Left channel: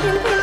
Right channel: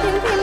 婷婷